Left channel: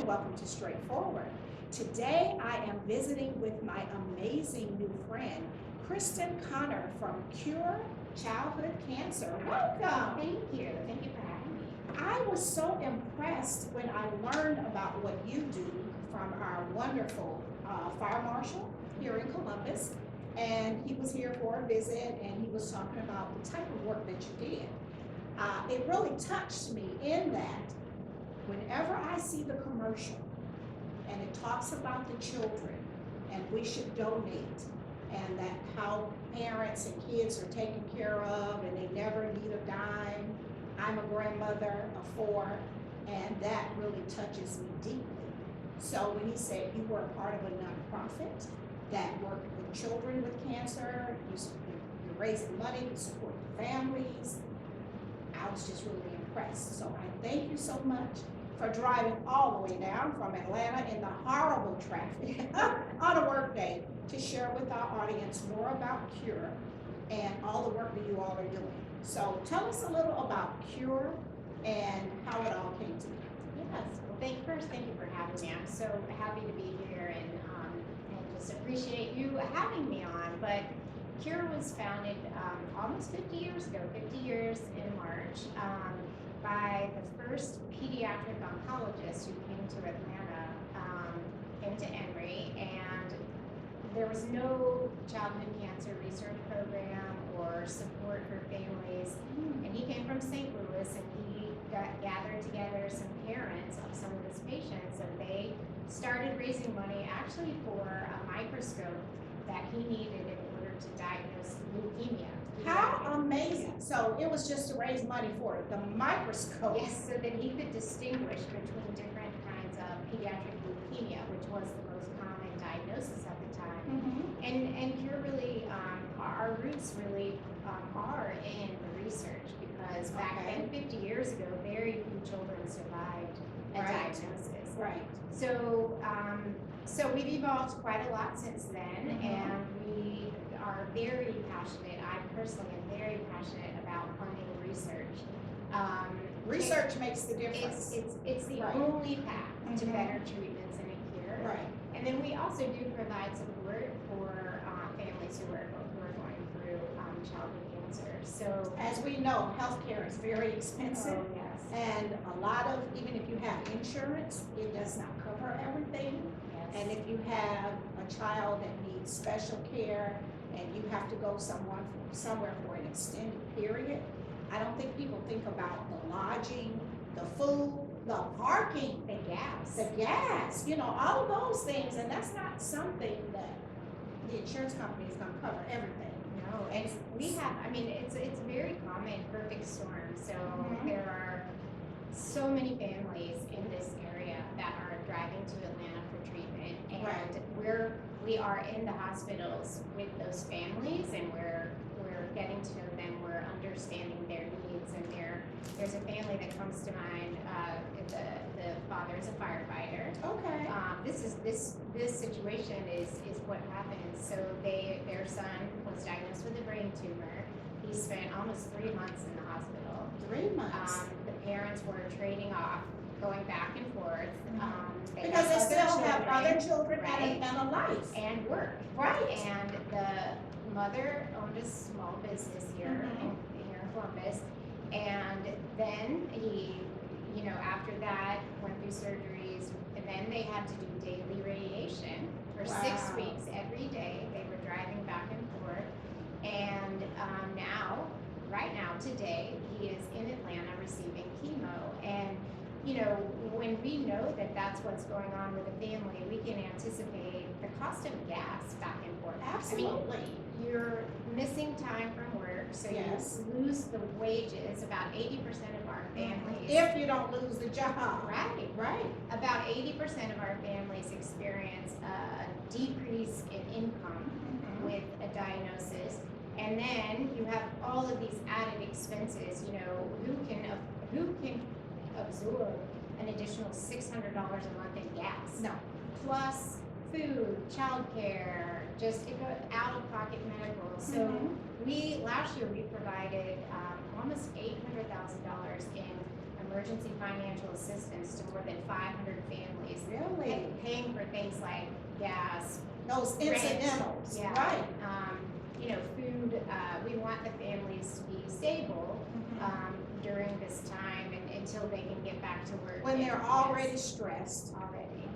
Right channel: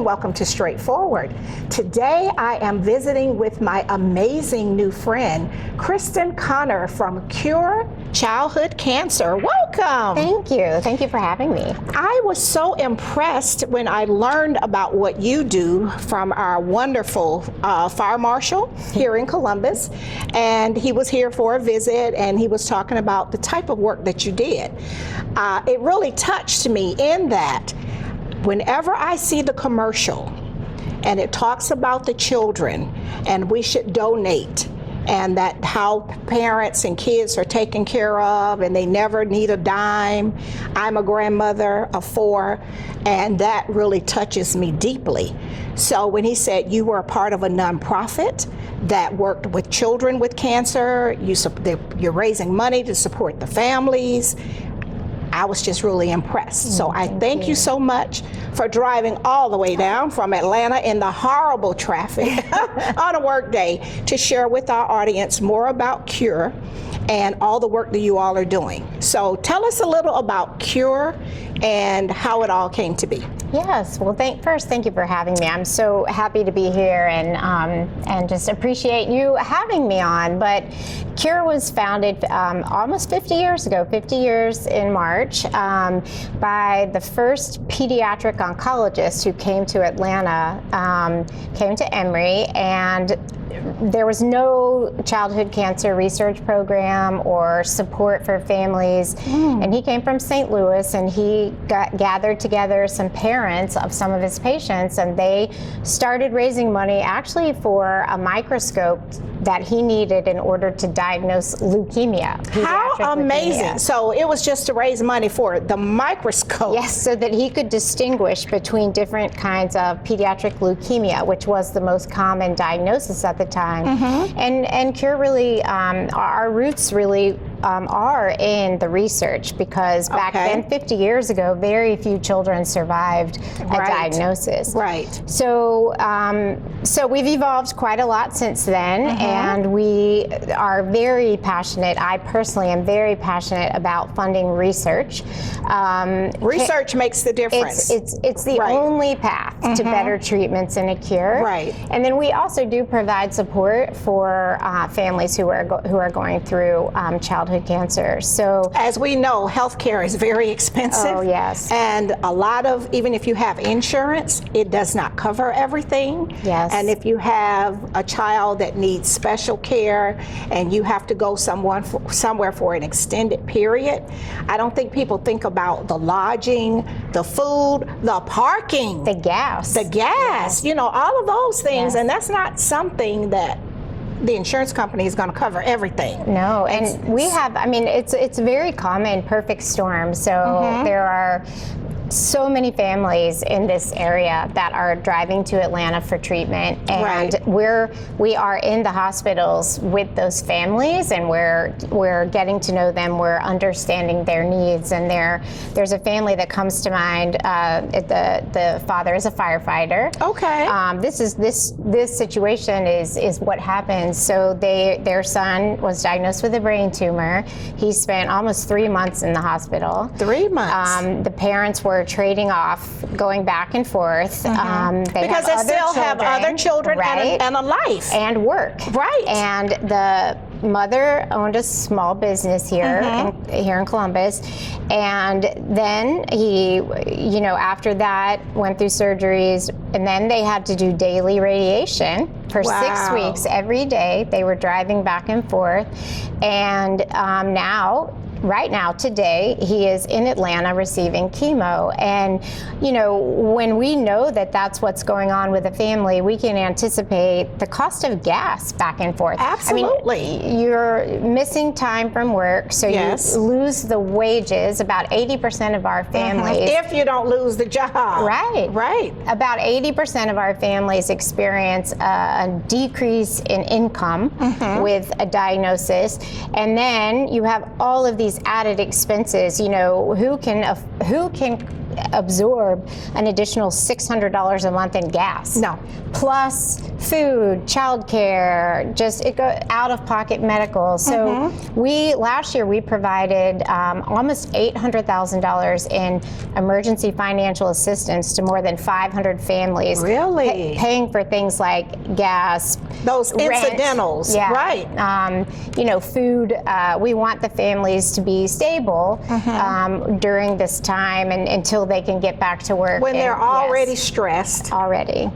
and welcome to Straightforward. Today I am visiting with my amazing new friend, Kristin Connor from Cure Childhood Cancer. Welcome. Thank you. Thank you for having me. I was so impressed when I learned about what you do from our wonderful fire marshal here in Columbus. And he was here for a visit and he was talking about the type of work that you did. It really touched me in that whenever I see the commercial and it talks about the children and we should donate, and that how parents and kids are taken care of and they never need a dime. I'm a grandmother of 4, and that really touches me deeply. So when he said you were a part of a nonprofit that worked with children with cancer, you're raising money to support the families, I was just really impressed. So I thank you so much for driving all the way down from Atlanta in the horrible traffic on a work day to share with our audience more about Cure and all the work that you all are doing. So tell us a little about Cure and how it all came to be. Yes. Well, first, thank you for having me. I'm so happy to be here and just appreciate you having me on. But Cure was founded almost 50 years ago, 50 years in March, by the first pediatric oncologist who came to Atlanta, came to Emory, and there was no childhood cancer research program or support for families. And he came from St. Louis, and he gathered together some parents of some of his patients, and they started raising money actually for a microscope that he needed in order to diagnose leukemia. How amazing. Leukemia. So it was just to raise money for the microscope. Yes, so that he could distinguish between different kinds of pediatric leukemia, which was the most common diagnosis at the time. And Cure really, our roots really are in the research, because back then, 50 years ago, very few children survived a diagnosis. Right. So, so we've evolved quite a lot since then, and we are very passionate. I personally am very passionate about funding research. Research makes the difference. It's the only path to better treatments and a cure. Right. And then we also do provide support for families who are going through childhood cancer. So, as we know, healthcare is very expensive. Oh, yes. And a lot of, even if you have insurance, it does not cover everything. Yes. And if you have a child that needs special care and you have to go somewhere for an extended period, I don't think people think about the lodging, the food, the parking, the gas, yes. You know, all of those things. And that's not something that the insurance company is going to cover everything. No, and we have, I mean, it's a very common perfect storm. So there are so many families in this area that are driving to Atlanta for treatment, and we are in the hospitals with those families, and we're getting to know them, we're understanding their needs. And there's a family that comes to mind. The father is a firefighter. Okay. This situation is what happened. So their son was diagnosed with a brain tumor. He spent almost 3 months in the hospital. 3 months. The parents were trading off, going back and forth. Because they still have other children and a life. And work. Right. And the mother owned a small business here, here in Columbus. And then he, after that, went through surgeries, and then they had to do daily radiation for 6 weeks every day. They were driving back and forth. And right now, today, he is in Atlanta receiving chemo. And, when we know that that's what's going on with a family, we can anticipate the cost of gas back and forth. Absolutely. I mean, you're missing time from work, so you lose the wages. About 80% of our families. If you don't lose the job. Right. Right. About 80% of our families experience a decrease in income with a diagnosis. And then you have all of these added expenses. Who can absorb an additional $600 a month in gas. No. Plus food, childcare, just out-of-pocket medical. So last year we provided almost $800,000 in emergency financial assistance to more than 500 families. Really? Paying for things like gas, those rent, incidentals, yeah, right? Food. We want the families to be stable during this time and until they can get back to work. When they're already stressed. Already.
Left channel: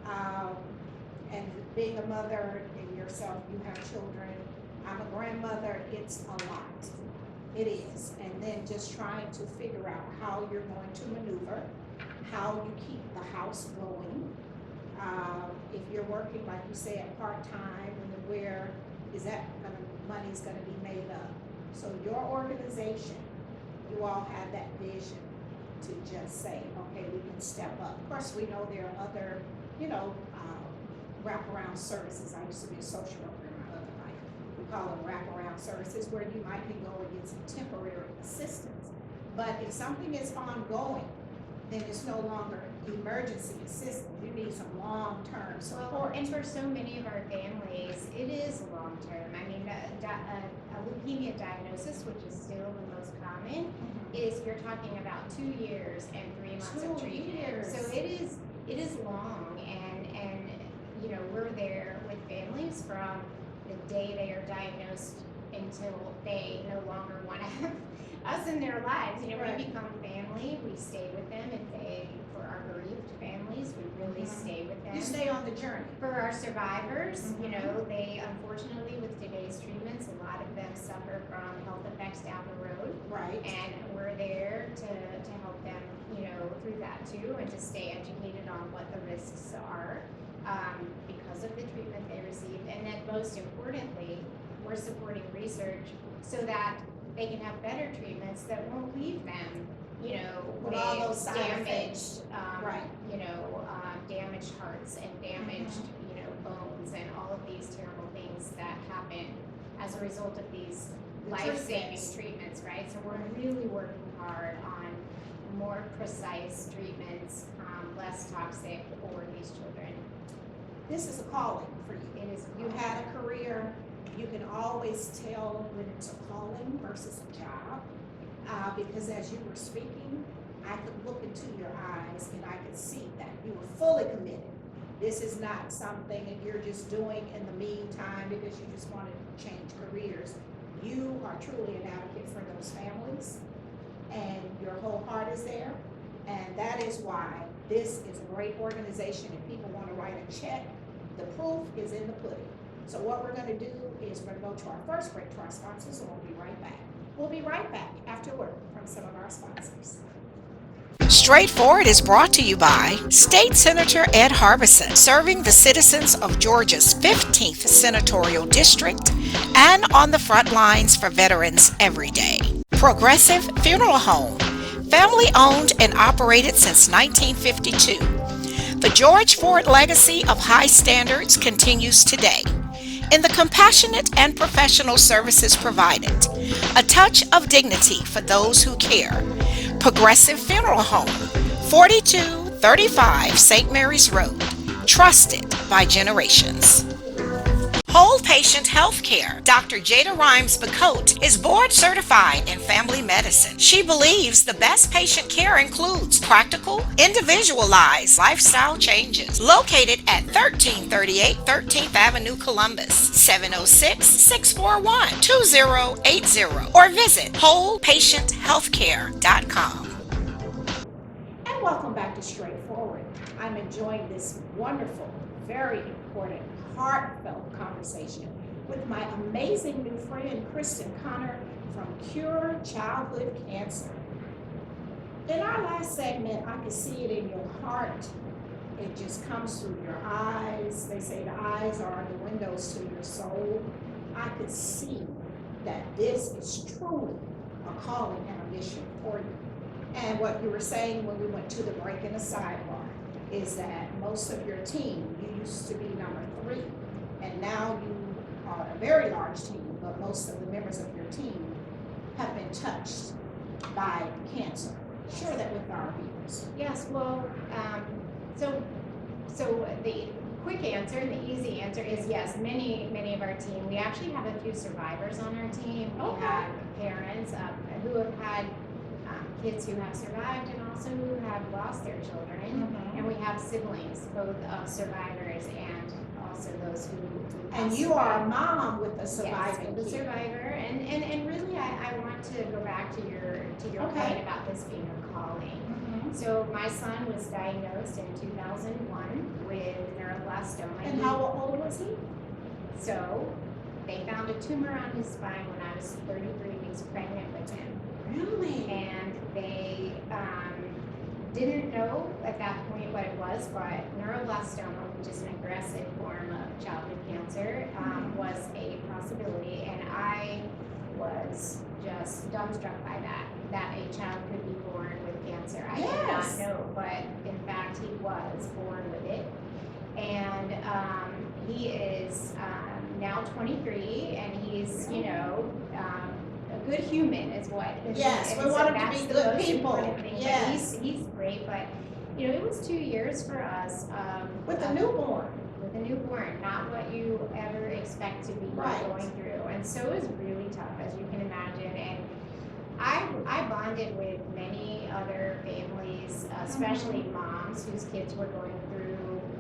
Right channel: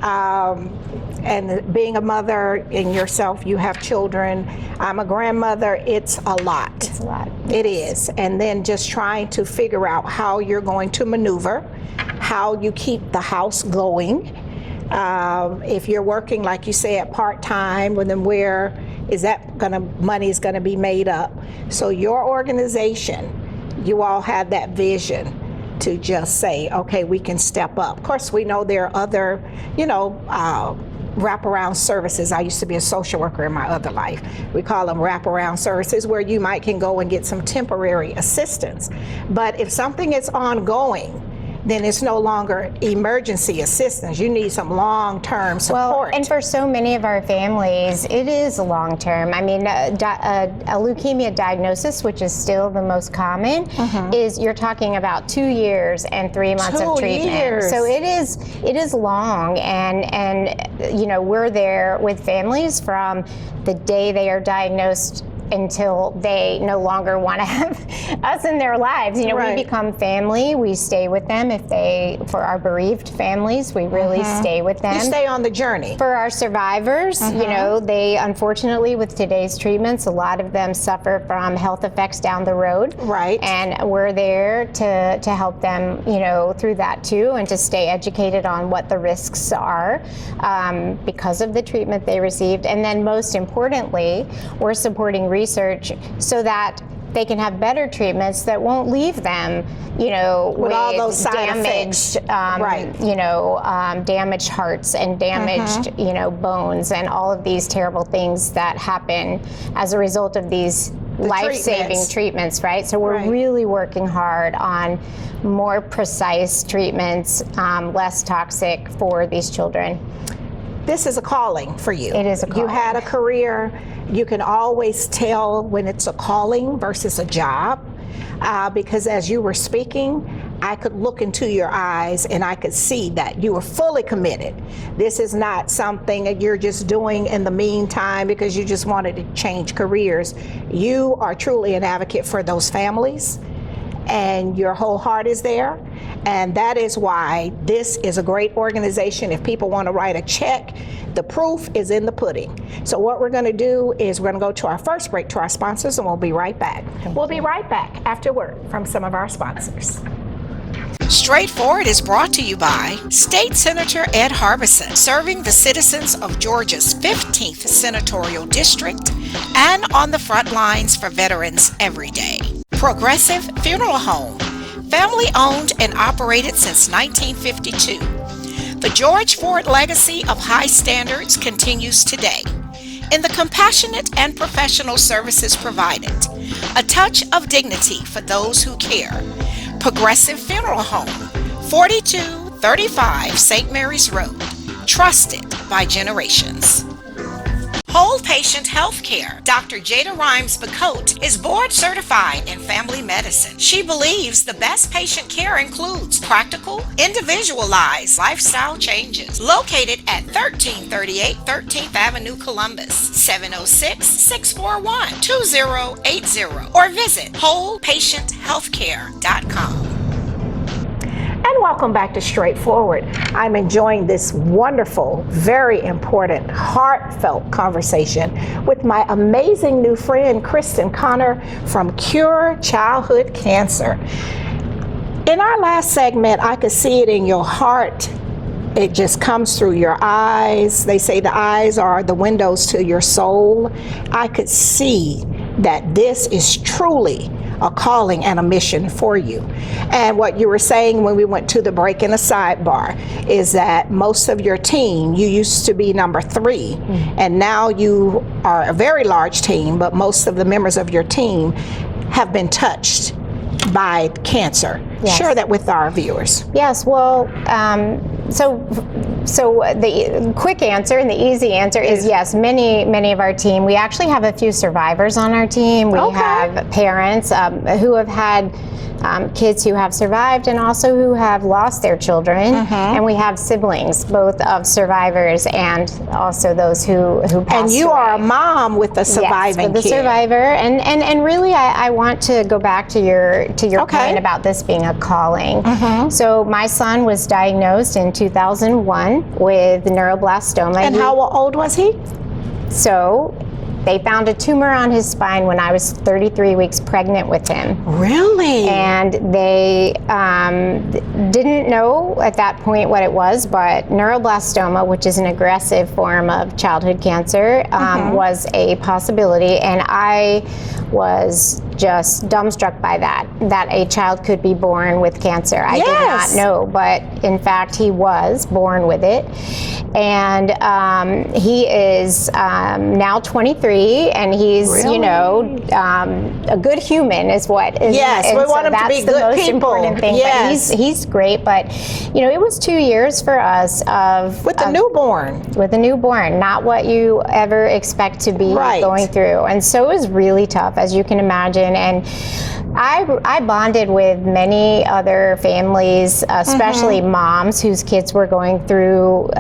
And being a mother and yourself, you have children. I'm a grandmother. It's a lot. It's a lot. It is. And then just trying to figure out how you're going to maneuver, how you keep the house going. If you're working, like you said, part-time, well, then where is that money is gonna be made up? So your organization, you all have that vision to just say, okay, we can step up. Of course, we know there are other, wraparound services. I used to be a social worker in my other life. We call them wraparound services, where you can go and get some temporary assistance. But if something is ongoing, then it's no longer emergency assistance. You need some long-term support. Well, and for so many of our families, it is long-term. I mean, a leukemia diagnosis, which is still the most common, is you're talking about 2 years and 3 months of treatment. 2 years. So it is long, and we're there with families from the day they are diagnosed until they no longer want to have us in their lives. Right. We become family. We stay with them. For our bereaved families, we really stay with them. You stay on the journey. For our survivors, they unfortunately, with today's treatments, a lot of them suffer from health effects down the road. Right. And we're there to help them, through that too, and to stay educated on what the risks are because of the treatment they received. And then most importantly, we're supporting research so that they can have better treatments that won't leave them, with all those side damaged, effects. Damaged hearts and damaged, bones and all of these terrible things that happen as a result of these life-saving treatments, right? So we're really working hard on more precise treatments, less toxic for these children. This is a calling for you. It is a calling. You had a career. You can always tell when it's a calling versus a job, because as you were speaking, I could look into your eyes and I could see that you were fully committed. This is not something that you're just doing in the meantime because you just wanted to change careers. You are truly an advocate for those families, and your whole heart is there. And that is why this is a great organization. If people want to write a check, the proof is in the pudding. So what we're going to do is we're going to go to our first break to our sponsors, and we'll be right back. We'll be right back after word from some of our sponsors. Straightforward is brought to you by State Senator Ed Harbison, serving the citizens of Georgia's 15th Senatorial District and on the front lines for veterans every day. Progressive Funeral Home, family owned and operated since 1952. The George Ford legacy of high standards continues today in the compassionate and professional services provided, a touch of dignity for those who care. Progressive Funeral Home, 4235 St. Mary's Road, trusted by generations. Whole Patient Healthcare. Dr. Jada Rimes-Bacote is board certified in family medicine. She believes the best patient care includes practical, individualized lifestyle changes. Located at 1338 13th Avenue, Columbus, 706-641-2080, or visit wholepatienthealthcare.com. And welcome back to Straightforward. I'm enjoying this wonderful, very important, heartfelt conversation with my amazing new friend, Kristin Connor from Cure Childhood Cancer. In our last segment, I could see it in your heart. It just comes through your eyes. They say the eyes are the windows to your soul. I could see that this is truly a calling and a mission for you. And what you were saying when we went to the break in the sidebar is that most of your team, you used to be number 3, and now you are a very large team, but most of the members of your team have been touched by cancer. Yes. Share that with our viewers. Yes, well, so the quick answer and the easy answer is yes, many of our team. We actually have a few survivors on our team. We have parents who have had kids who have survived and also who have lost their children. And we have siblings, both of survivors and also those who passed And you away. are a mom with a surviving with the kid. survivor, and really, I want to go back to your point about this being a calling. So my son was diagnosed in 2001 with neuroblastoma. And how old was he? So they found a tumor on his spine when I was 33 weeks pregnant with him. Really? And they didn't know at that point what it was, but neuroblastoma, which is an aggressive form of childhood cancer, was a possibility. And I was just dumbstruck by that a child could be born with cancer. I did not know, but in fact, he was born with it. And he is now 23, and he's, Really? you know, a good human is what is. Yes, and we so want him to that's be the good most people. important thing. Yes. But he's great. But you know, it was 2 years for us With a newborn. with a newborn, not what you ever expect to be going through. And so it was really tough, as you can imagine. And I bonded with many other families, especially moms whose kids were going through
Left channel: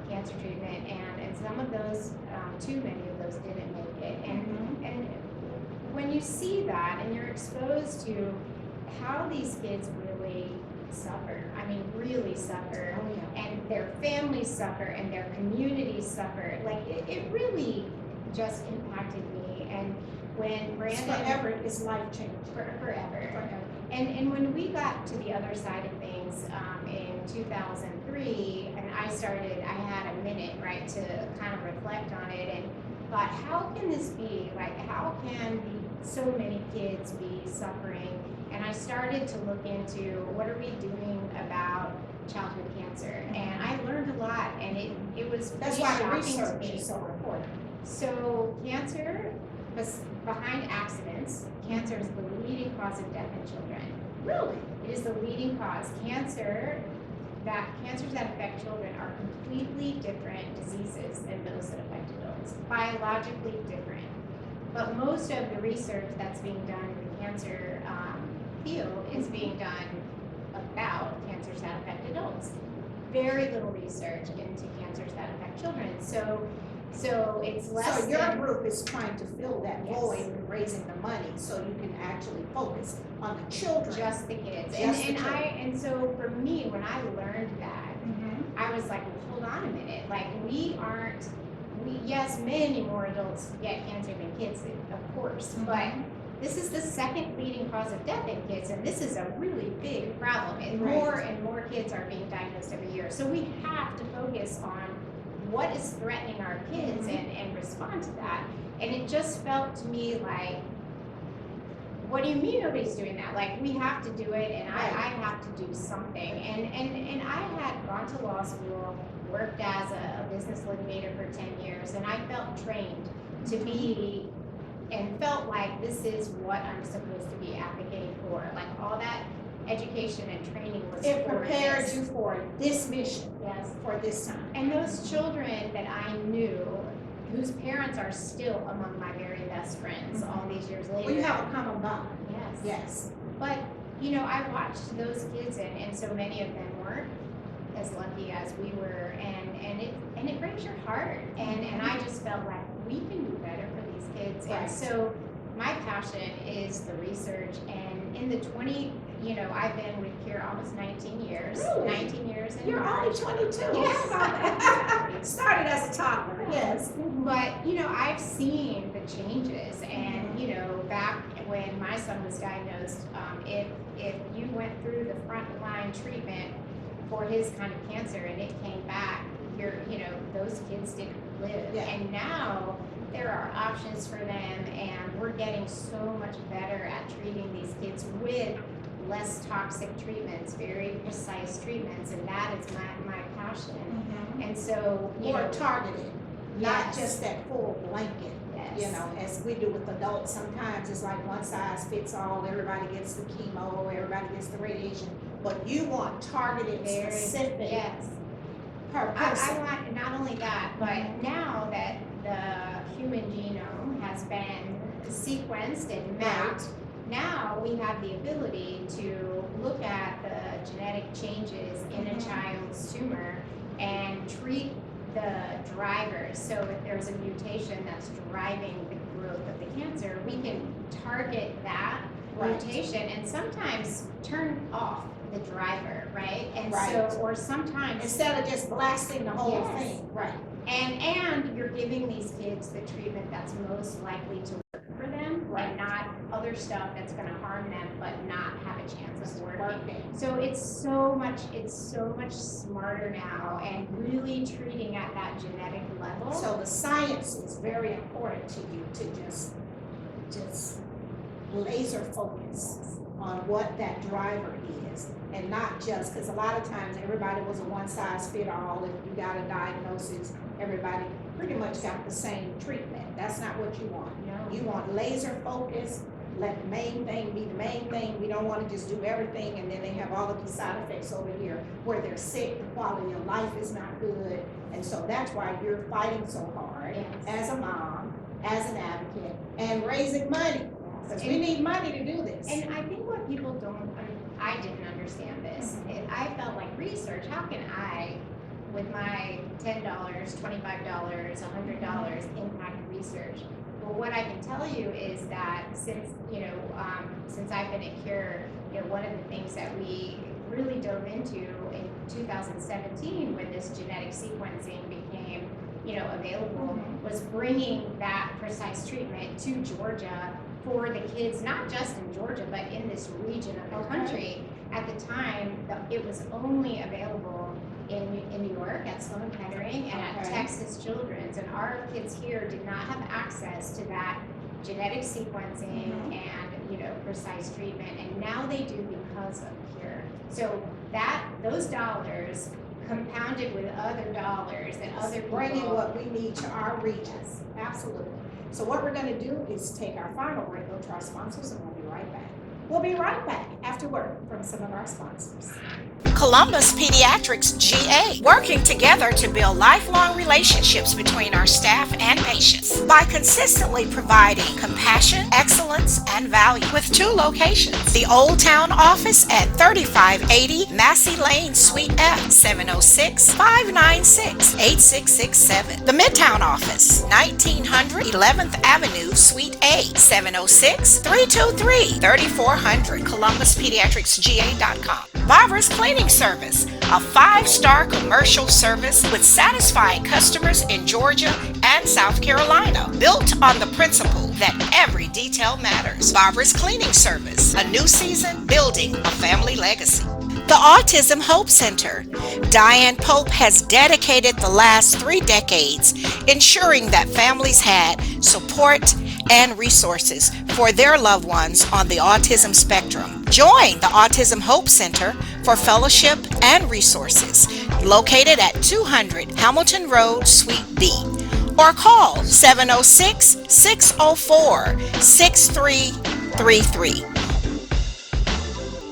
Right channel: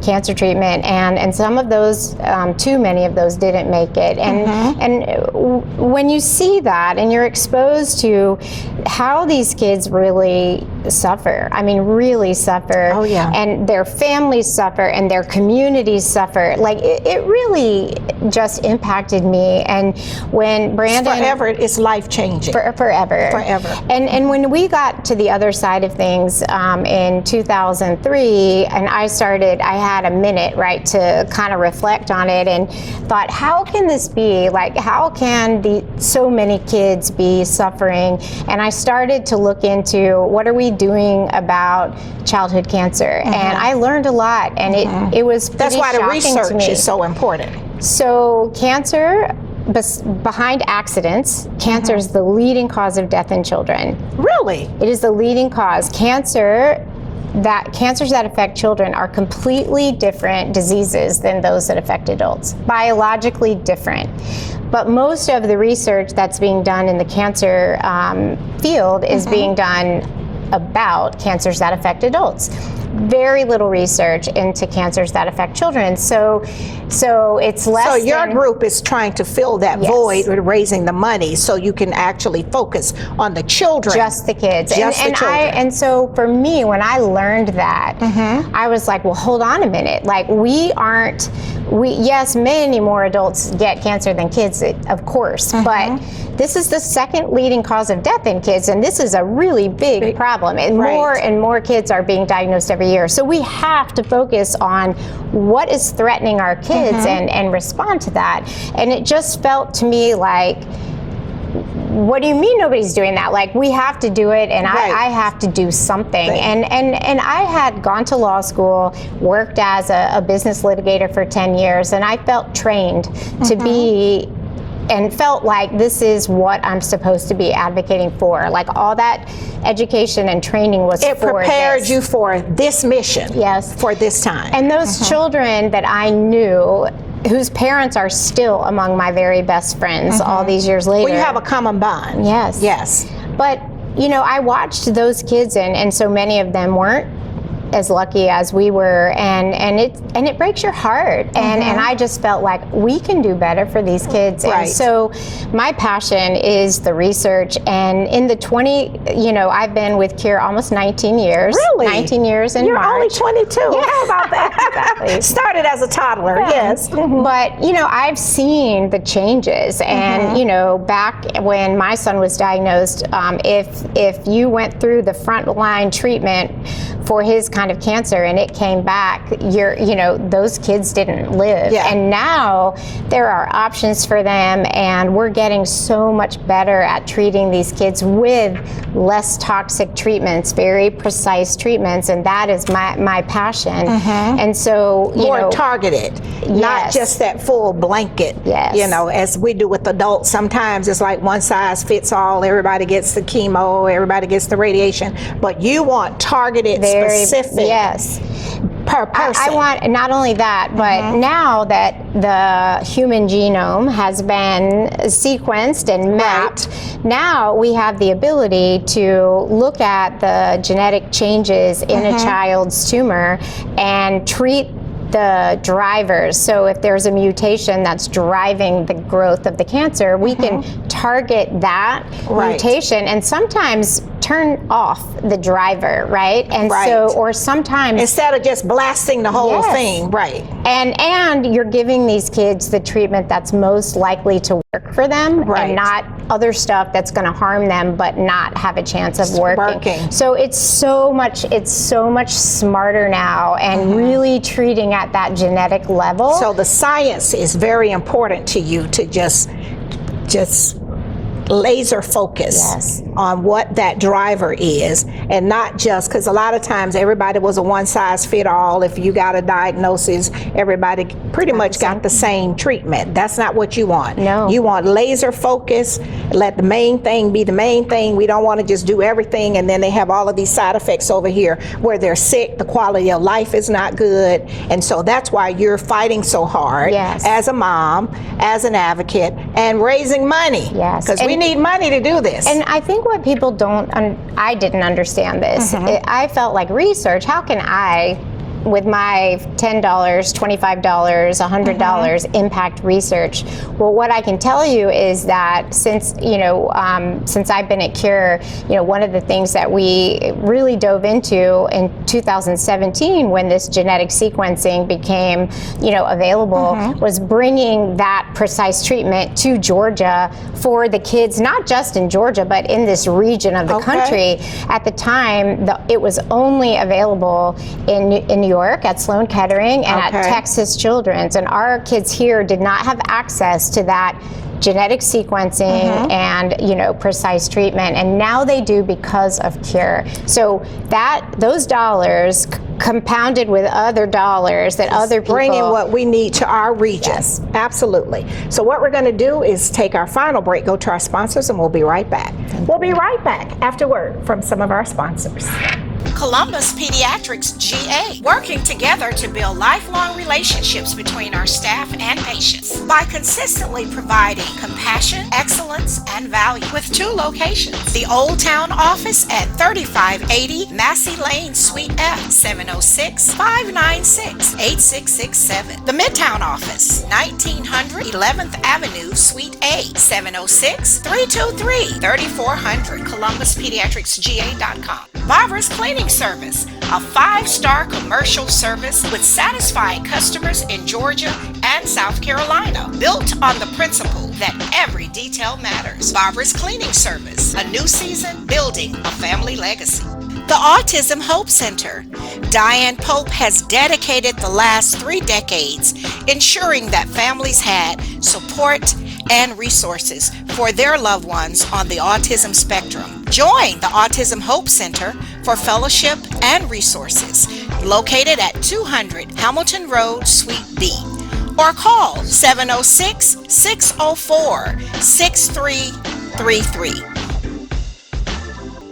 cancer treatment, and some of those, too many of those, didn't make it. And when you see that and you're exposed to how these kids really suffer, I mean, really suffer, and their families suffer and their communities suffer, like it really just impacted me. And when Brandon, Forever, it's life-changing. Forever. And when we got to the other side of things in 2003, and I had a minute, right, to kind of reflect on it and thought, how can this be? Like, how can so many kids be suffering? And I started to look into what are we doing about childhood cancer? And I learned a lot, and it was That's why the shocking to research me. is so important. So cancer, behind accidents, cancer is the leading cause of death in children. Really? It is the leading cause. Cancers that affect children are completely different diseases than those that affect adults, biologically different. But most of the research that's being done in the cancer field is being done about cancers that affect adults. Very little research into cancers that affect children. So it's less. So your group is trying to fill that void with raising the money, so you can actually focus on the children. Just the kids. Just the children. And so for me, when I learned that, I was like, well, hold on a minute. Like, yes, many more adults get cancer than kids, of course, but this is the second leading cause of death in kids, and this is a really big problem. And more and more kids are being diagnosed every year. So we have to focus on what is threatening our kids and respond to that. And it just felt to me like, what do you mean nobody's doing that? Like, we have to do it, and I have to do something. And I had gone to law school, worked as a business litigator for 10 years, and I felt trained to be, and felt like this is what I'm supposed to be advocating for. Like, all that education and training was It for prepared this. you for this mission. Yes. For this time. And those children that I knew, whose parents are still among my very best friends all these years later. Well, you have a common bond. Yes. Yes. But, you know, I watched those kids, and so many of them weren't as lucky as we were, and it breaks your heart. And I just felt like we can do better for these kids. And so my passion is the research. And in the I've been with Cure almost 19 years. Really? 19 years in You're March. only 22. Yeah. How about that? Exactly. Started as a toddler. Yes. But, you know, I've seen the changes. And, you know, back when my son was diagnosed, if you went through the frontline treatment for his kind of cancer and it came back, those kids didn't live. Yeah. And now there are options for them, and we're getting so much better at treating these kids with less toxic treatments, very precise treatments, and that is my passion. And so, more targeted, not Yes. just that full blanket. Yes. As we do with adults, sometimes it's like one size fits all. Everybody gets the chemo, everybody gets the radiation, but you want targeted, specific. Yes. Per person. I want not only that, but now that the human genome has been sequenced and mapped, now we have the ability to look at the genetic changes in a child's tumor and treat the drivers. So if there's a mutation that's driving the growth of the cancer, we can target that mutation and sometimes turn off the driver, right? And so, or sometimes instead of just blasting the whole thing, right? And you're giving these kids the treatment that's most likely to work for them, and not other stuff that's going to harm them but not have a chance of working. So it's so much smarter now, and really treating at that genetic level. So the science is very important to you, to just laser focus on what that driver is, and not just, because a lot of times everybody was a one size fit all. If you got a diagnosis, everybody pretty much got the same treatment. That's not what you want. No. You want laser focus, let the main thing be the main thing. We don't want to just do everything and then they have all of these side effects over here where they're sick, the quality of life is not good. And so that's why you're fighting so hard as a mom, as an advocate, and raising money. Because we need money to do this. And I think what people I didn't understand this. I felt like research, how can I, with my $10, $25, $100 impact research? Well, what I can tell you is that since I've been at Cure, one of the things that we really dove into in 2017 when this genetic sequencing became, available, was bringing that precise treatment to Georgia for the kids, not just in Georgia, but in this region of the country. At the time, it was only available in New York at Sloan Kettering and at Texas Children's, and our kids here did not have access to that genetic sequencing and precise treatment, and now they do because of Cure. So those dollars compounded with other dollars that other people bringing what we need to our region. Absolutely. So what we're going to do is take our final break, go to our sponsors, and we'll be right back. We'll be right back after word from some of our sponsors. Columbus Pediatrics GA, working together to build lifelong relationships between our staff and patients by consistently providing compassion, excellence, and value with 2 locations. The Old Town office at 3580 Massey Lane, Suite F, 706-596-8667. The Midtown office, 1900 11th Avenue, Suite A, 706-323-3400, ColumbusPediatricsGA.com. Barbara's Cleaning Service, a 5-star commercial service with satisfied customers in Georgia and South Carolina, built on the principle that every detail matters. Barbara's Cleaning Service, a new season building a family legacy. The Autism Hope Center. Diane Pope has dedicated the last 3 decades ensuring that families had support and resources for their loved ones on the autism spectrum. Join the Autism Hope Center for fellowship and resources, located at 200 Hamilton Road, Suite B, or call 706-604-6333.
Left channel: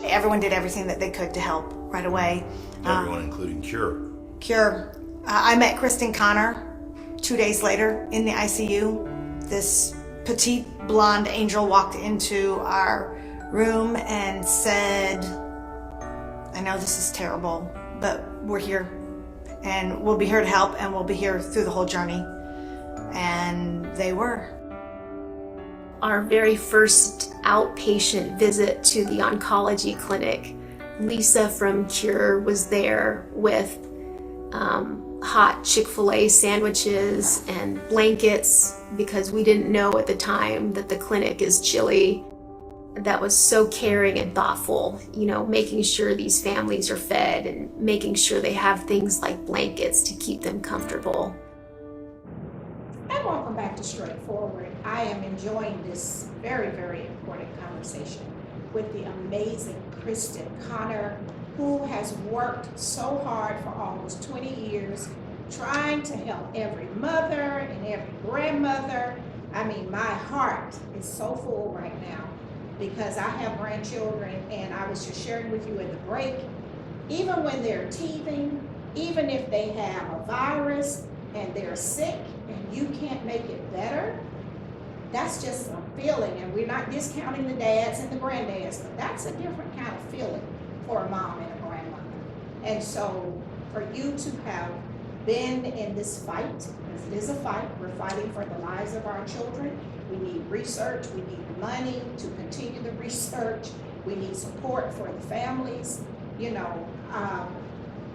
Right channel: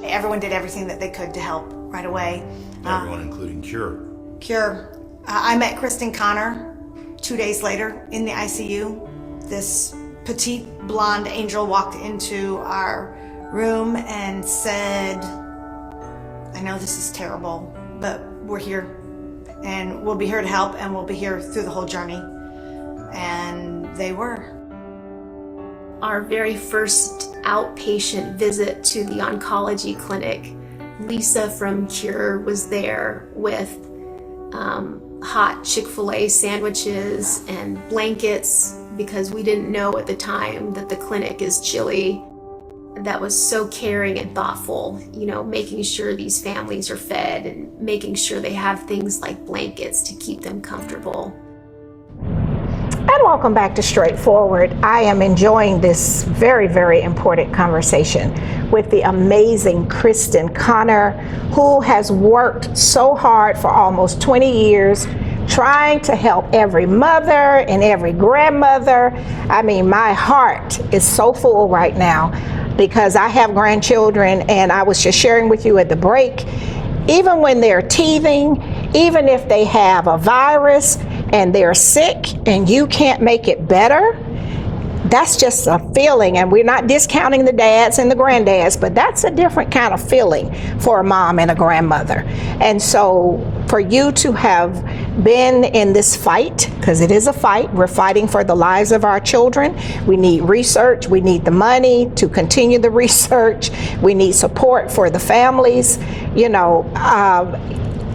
Everyone did everything that they could to help right away. Everyone, including Cure. Cure. I met Kristin Connor 2 days later in the ICU. This petite blonde angel walked into our room and said, I know this is terrible, but we're here and we'll be here to help, and we'll be here through the whole journey. And they were. Our very first outpatient visit to the oncology clinic, Lisa from Cure was there with hot Chick-fil-A sandwiches and blankets, because we didn't know at the time that the clinic is chilly. that was so caring and thoughtful, you know, making sure these families are fed and making sure they have things like blankets to keep them comfortable. And welcome back to Straightforward. I am enjoying this very, very important conversation with the amazing Kristin Connor, who has worked so hard for almost 20 years trying to help every mother and every grandmother. I mean, my heart is so full right now because I have grandchildren, and I was just sharing with you at the break, even when they're teething, even if they have a virus and they're sick and you can't make it better, that's just a feeling. And we're not discounting the dads and the granddads, but that's a different kind of feeling for a mom and a grandmother. And so for you to have been in this fight, because it is a fight, we're fighting for the lives of our children. We need research, we need the money to continue the research, we need support for the families. You know,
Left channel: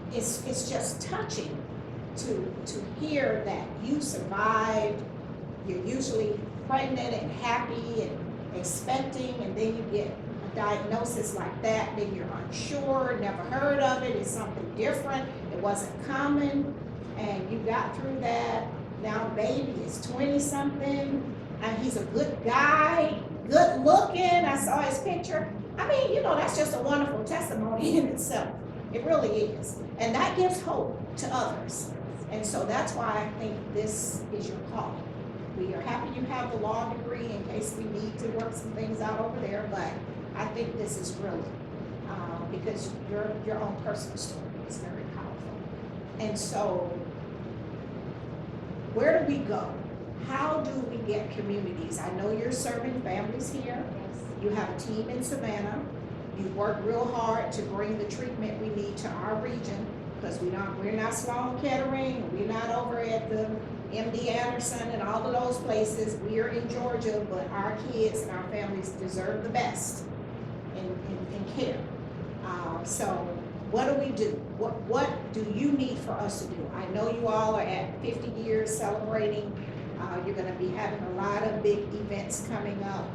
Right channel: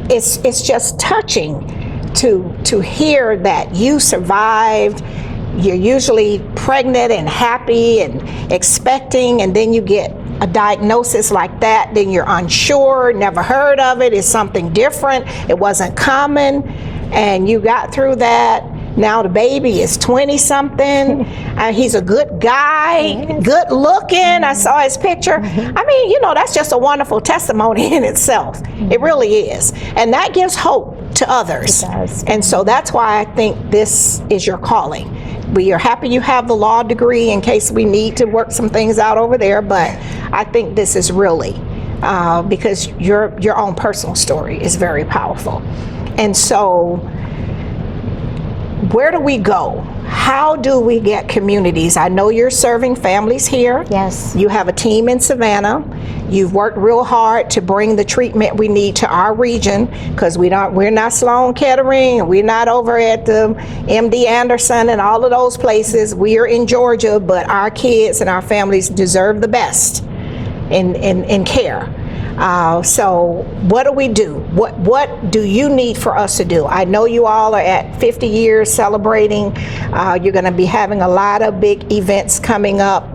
it's just touching to hear that you survived. You're usually pregnant and happy and expecting, and then you get a diagnosis like that, then you're unsure, never heard of it, it's something different, it wasn't common, and you got through that. Now the baby is 20-something, and he's a good guy, good looking. I saw his picture. I mean, you know, that's just a wonderful testimony in itself. It really is. And that gives hope to others. It does. And so that's why I think this is your calling. We are happy you have the law degree in case we need to work some things out over there, but I think this is really, because your own personal story is very powerful. And so, where do we go? How do we get communities? I know you're serving families here. Yes. You have a team in Savannah. You've worked real hard to bring the treatment we need to our region, because we're not Sloan Kettering, we're not over at the MD Anderson and all of those places. We are in Georgia, but our kids and our families deserve the best in care. So what do we do? What do you need for us to do? I know you all are at 50 years celebrating. You're going to be having a lot of big events coming up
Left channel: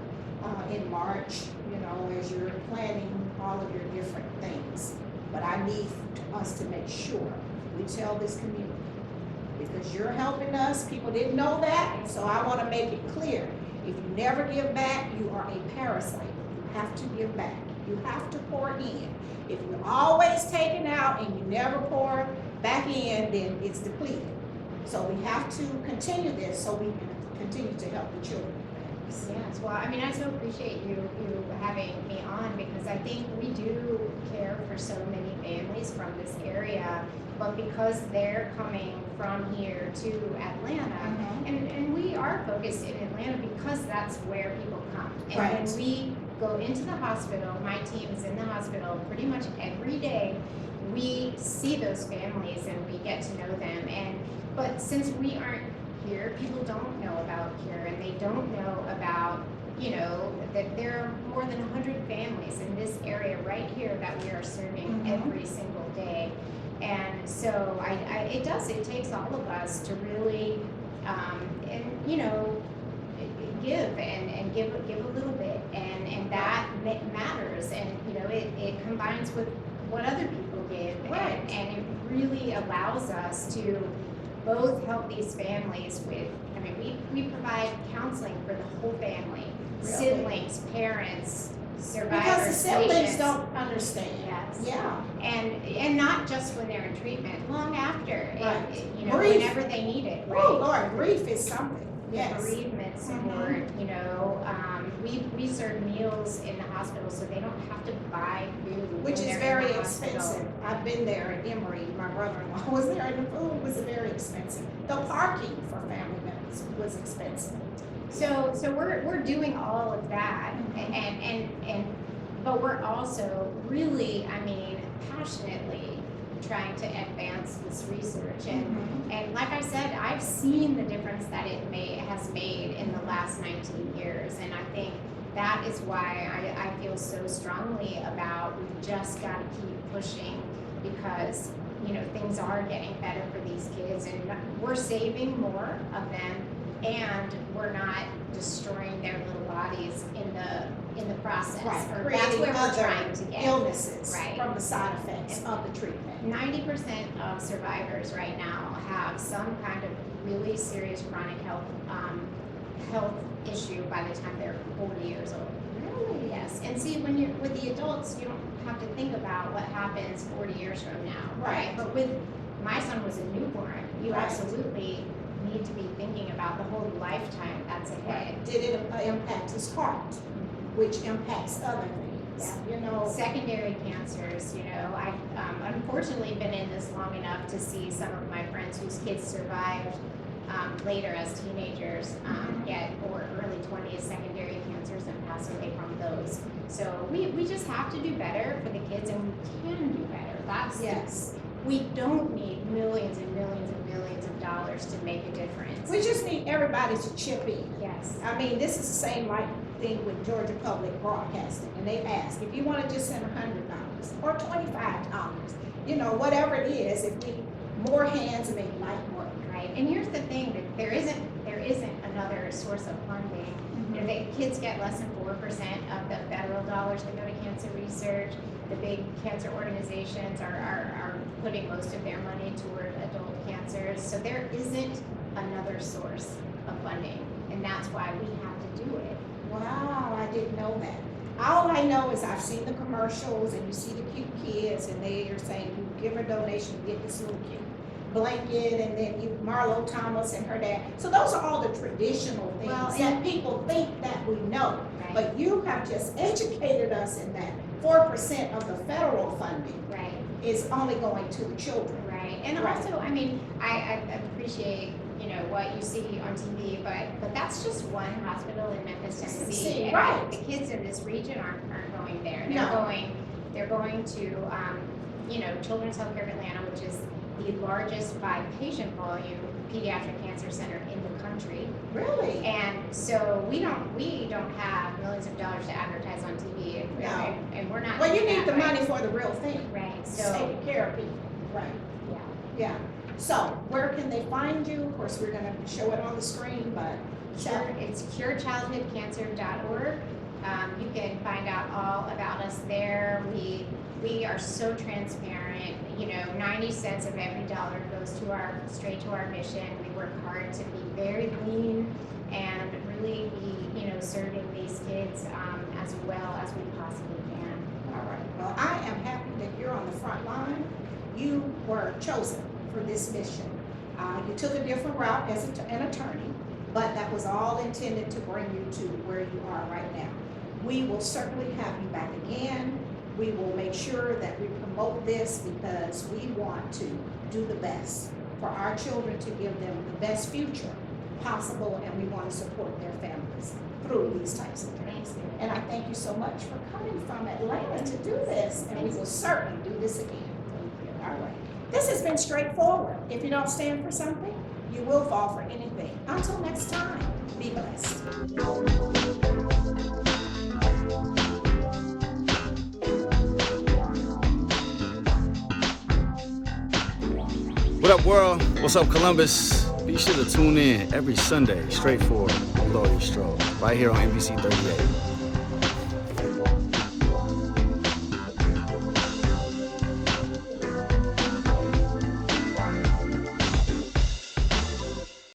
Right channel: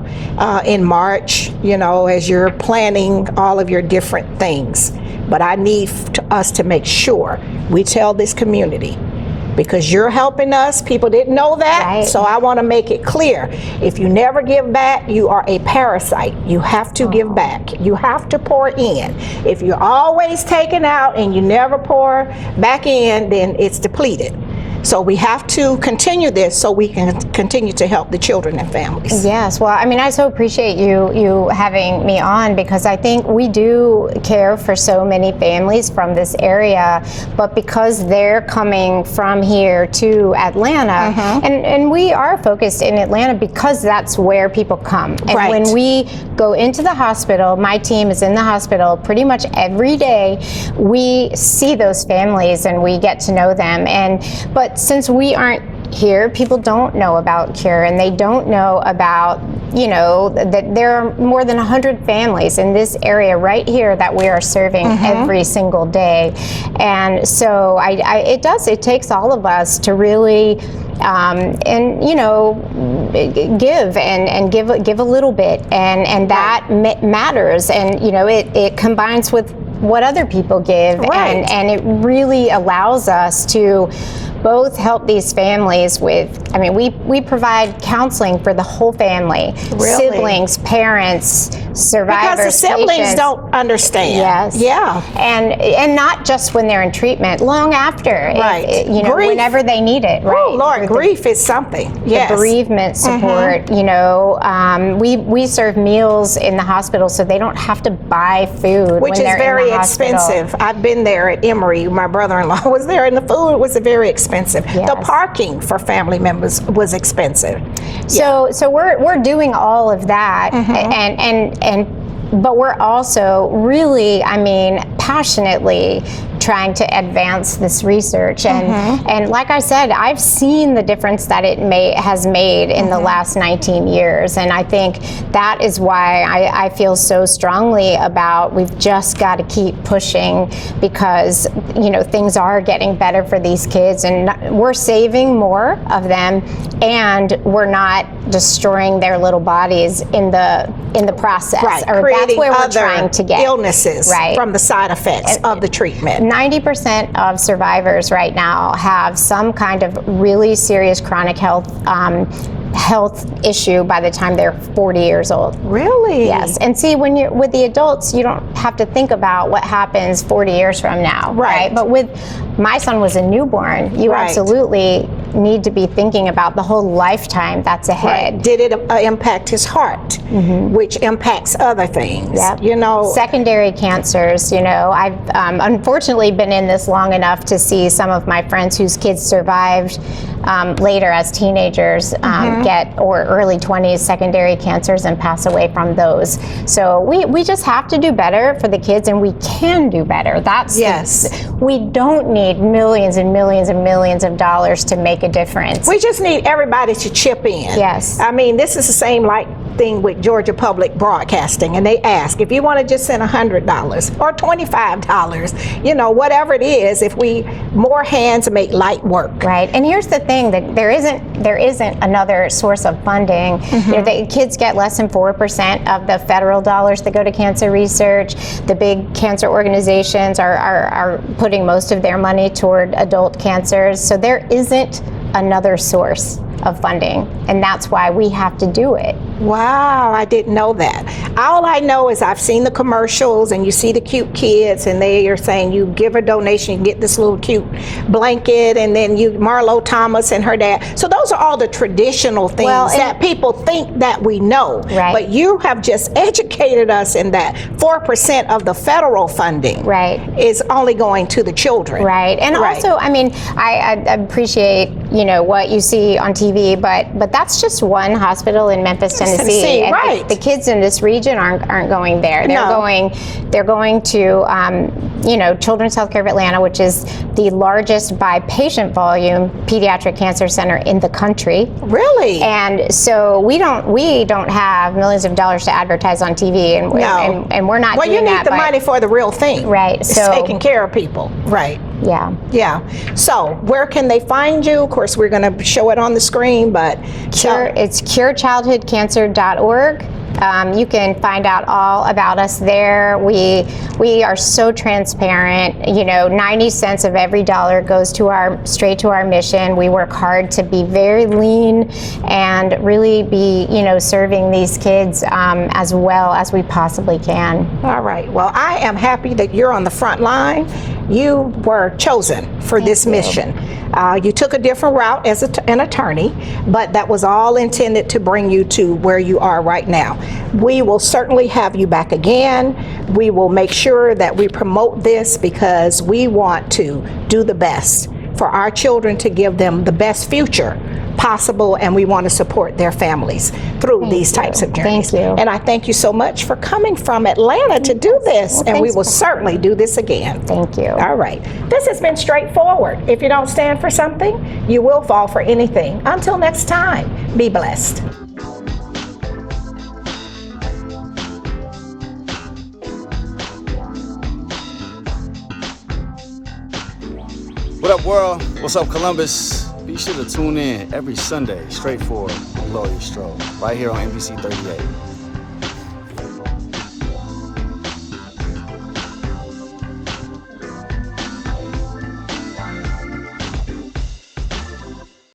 in March, you know, as you're planning all of your different things. But I need us to make sure we tell this community, because you're helping us. People didn't know that, right. So I want to make it clear. If you never give back, you are a parasite. You have to give back. You have to pour in. If you're always taking out and you never pour back in, then it's depleted. So we have to continue this so we can continue to help the children and families. Yes, well, I mean, I so appreciate you having me on, because I think we do care for so many families from this area, but because they're coming from here to Atlanta, and we are focused in Atlanta because that's where people come. And right. When we go into the hospital, my team is in the hospital pretty much every day. We see those families and we get to know them. But since we aren't here, people don't know about Cure, and they don't know about, you know, that there are more than 100 families in this area right here that we are serving every single day. And so it takes all of us to really and you know, give and give a little bit, and that matters, and you know, it combines with what other people give, right. and it really allows us to both help these families with, I mean, we provide counseling for the whole family, Really? Siblings, parents, survivors, Because the siblings patients. don't understand. Yes. Yeah. And not just when they're in treatment, long after. Right. You know, Grief. whenever they need it. Right. Oh, Lord, grief is something. Yes. The bereavement support, you know, we serve meals in the hospital so they don't have to buy food Which when is they're very in the hospital. expensive. I've been there at Emory. My brother-in-law was there, and the food was very expensive. Yes. The parking for family members was expensive. So we're doing all of that, and but we're also really, I mean, passionately trying to advance this research, and like I said, I've seen the difference that it has made in the last 19 years, and I think that is why I feel so strongly about we've just got to keep pushing, because you know, things are getting better for these kids, and we're saving more of them, and we're not destroying their little bodies in the process. Right, Or that's creating where we're other trying to get. illnesses Right. from the side effects of the treatment. 90% of survivors right now have some kind of really serious chronic health issue by the time they're 40 years old. Really? Yes. And see, when you're with the adults, you don't have to think about what happens 40 years from now. Right. But with my son was a newborn, you Right. absolutely need to be thinking about the whole lifetime that's ahead. Did it impact his heart, which impacts other things? Yep. You know, Secondary cancers, I've unfortunately been in this long enough to see some of my friends whose kids survived later as teenagers get, or early 20s, secondary cancers and pass away from those. So we just have to do better for the kids, and we can do better. Yes. We don't need millions and millions and millions of dollars to make a difference. we just need everybody to chip in. Yes. I mean, this is the same thing with Georgia Public Broadcasting, and they ask if you want to just send $100 or $25, whatever it is. If more hands make light work. Right, and here's the thing, that there isn't another source of funding. The kids get less than 4% of the federal dollars that go to cancer research. The big cancer organizations are putting most of their money toward adult cancers. So there isn't another source of funding, and that's why we have to do it. Wow, I didn't know that. All I know is I've seen the commercials, and you see the cute kids, and they are saying you give a donation, you get this little cute blanket, and then Marlo Thomas and her dad. So those are all the traditional things that people think that we know. Right. But you have just educated us in that 4% of the federal funding is only going to the children. Right, and also, I mean, I appreciate what you see on TV, but that's just one hospital in Memphis, Tennessee. And right. the kids in this region aren't going there. They're going to Children's Healthcare of Atlanta, which is the largest by patient volume pediatric cancer center in the country. Really? And so we don't have millions of dollars to advertise on TV, and we're not well, doing that. Well, you need the money for the real thing. Right. It's So taking care of people. Right. Yeah. Yeah. So where can they find you? Of course, we're going to show it on the screen, but it's curechildhoodcancer.org. You can find out all about us there. We are so transparent. 90 cents of every dollar goes straight to our mission. We work hard to be very lean and really be, serving these kids as well as we possibly can. All right. Well, I am happy that you're on the front line. You were chosen for this mission. You took a different route as an attorney, but that was all intended to bring you to where you are right now. We will certainly have you back again. We will make sure that we promote this because we want to do the best for our children, to give them the best future possible, and we want to support their families through these types of journeys. Thank you. And I thank you so much for coming from Atlanta to do this, and we will certainly do this again. Thank you. All right. This has been Straightforward. If you don't stand for something, you will fall for anything. Until next time, be blessed. What up, world? What's up, Columbus? Be sure to tune in every Sunday, Straightforward with Gloria Strode, right here on NBC 38.